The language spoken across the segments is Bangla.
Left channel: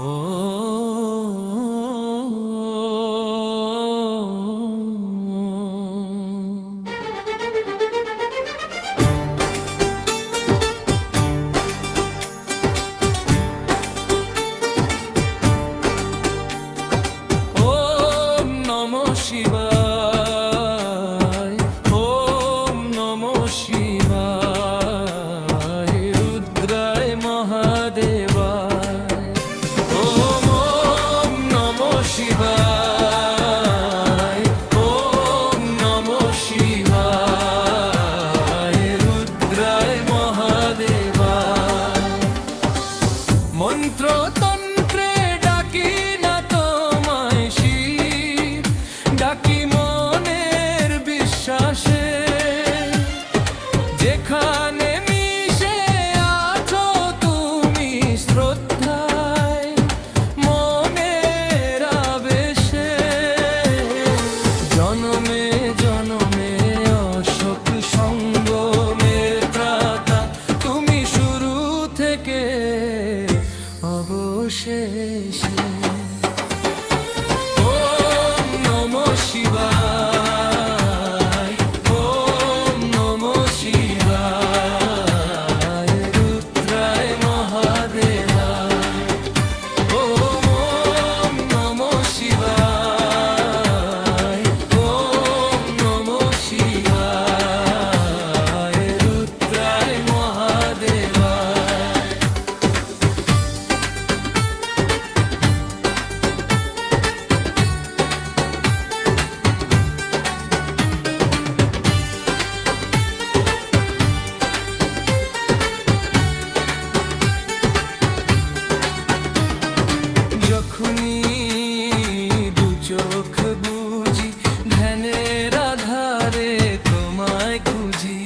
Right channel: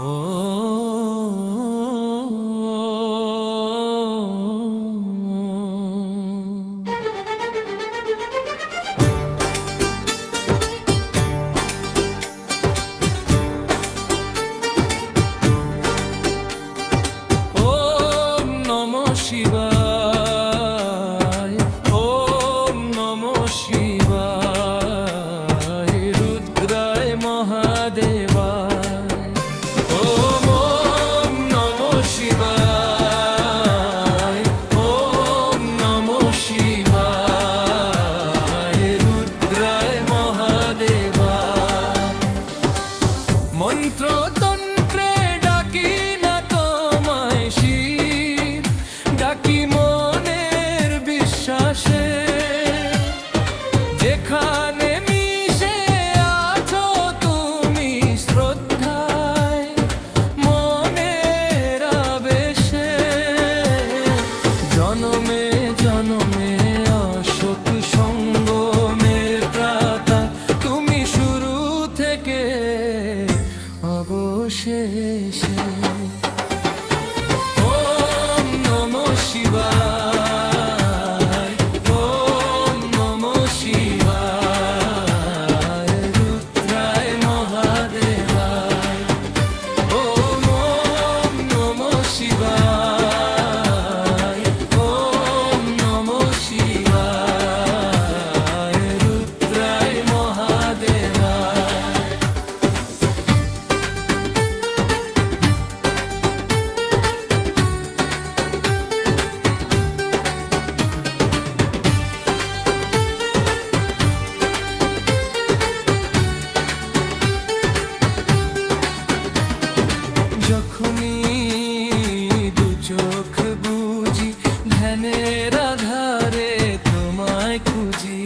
ও ওম নমঃ শিবায়, ওম নমঃ শিবায়, রুদ্রায় মহাদেবায়। ওম ওম নমঃ শিবায়, ওম নমঃ শিবায়, রুদ্রায় মহাদেবায়। মন্ত্র তন্ত্রে ডাকি না তোমায় শিব, ডাকি মনের বিশ্বাসে। যেখানে মিশে আছো তুমি শ্রদ্ধায়, মনের আবেশে। জনমে জনমে অশোক সঙ্গমের ত্রাতা, তুমি শুরু থেকে অবশেষে। ওম নমঃ শিবায়, ওম নমঃ শিবায়, রুদ্রায় মহাদেবায়। ওম ওম নমঃ শিবায়, ওম নমঃ শিবায়, রুদ্রায় মহাদেবায়। যখনই দু চোখ বুঝি, ধ্যানের আধারে তোমায় খুঁজি।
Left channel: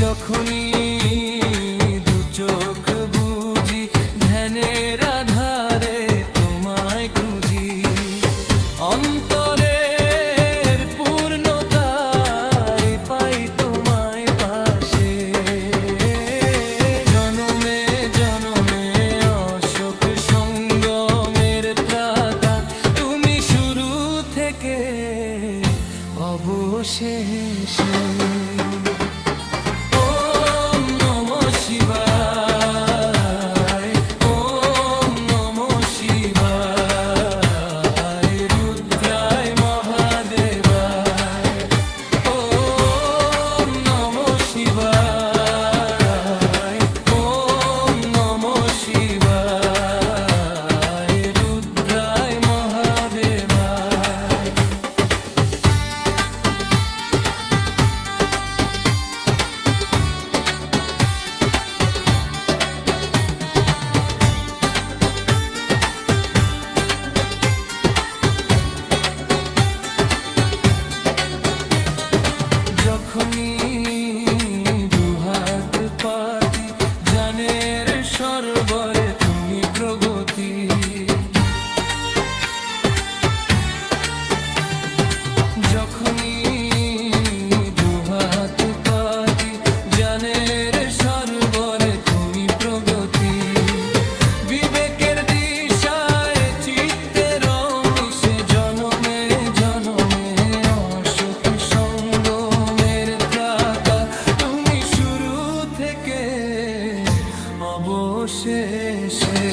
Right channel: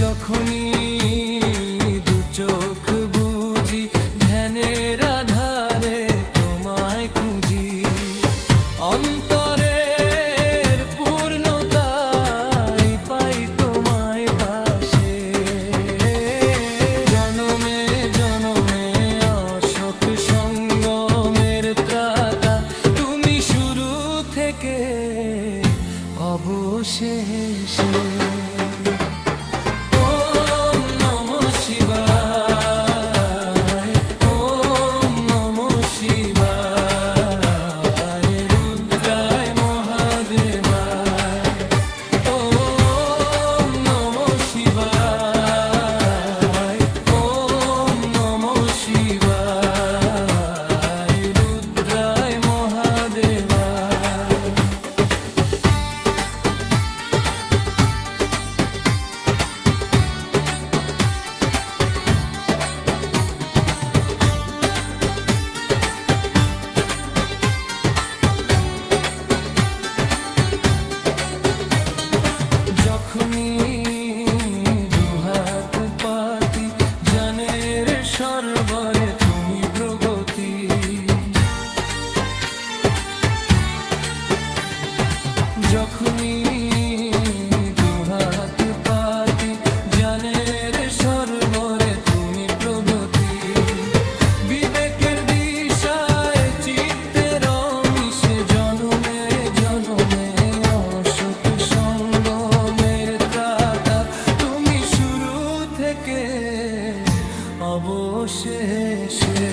যখনই দু চোখ বুঝি, ধ্যানের আধারে তোমায় খুঁজি। অন্তরের পূর্ণতায় পাই তোমায় পাশে। জনমে জনমে অশোক সঙ্গমের ত্রাতা, তুমি শুরু থেকে অবশেষে। ওম নমঃ শিবায়, ওম নমঃ শিবায়, রুদ্রায় মহাদেবায়। ওম নমঃ শিবায়, ওম নমঃ শিবায়, রুদ্রায় মহাদেবায়। যখনই দুহাত পাতি, জানের সরবরে তুমি প্রগতি। যখনই দুহাত পাতি, জানের সরবরে তুমি প্রগতি। বিবেকের দিশায় চিত্তের মিশে, জনমে জনমে অশোক সঙ্গমের ত্রাতা, তুমি শুরু থেকে অবশেষে।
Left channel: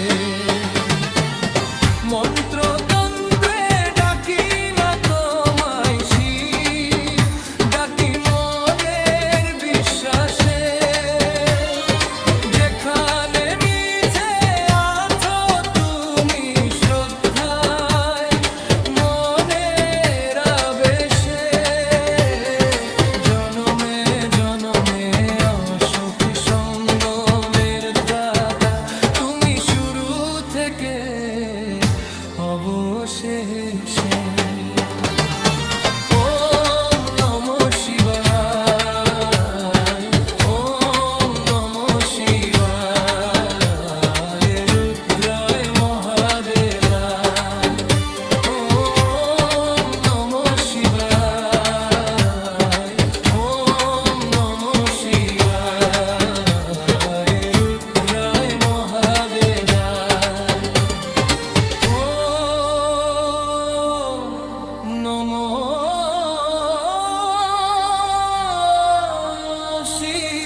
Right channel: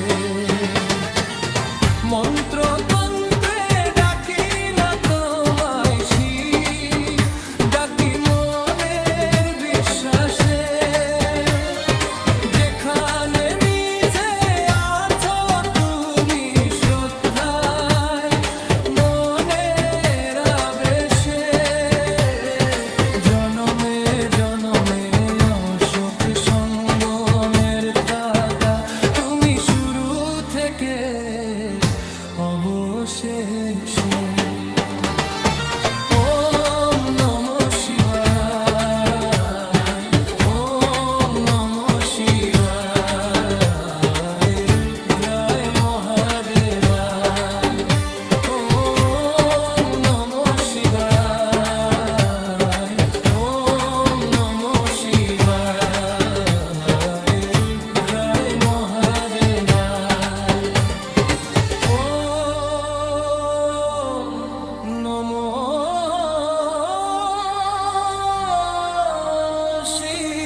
মন্ত্র তন্ত্রে ডাকি না তোমায় শিব, ডাকি মনের বিশ্বাসে। যেখানে মিশে আছো তুমি শ্রদ্ধায়, মনের আবেশে। জনমে জনমে অশোক সঙ্গমের ত্রাতা, তুমি শুরু থেকে অবশেষে। ওম নমঃ শিবায়, ওম নমঃ শিবায়, রুদ্রায় মহাদেবায়। ওম নমঃ শিবায়, ওম নমঃ শিবায়, শিব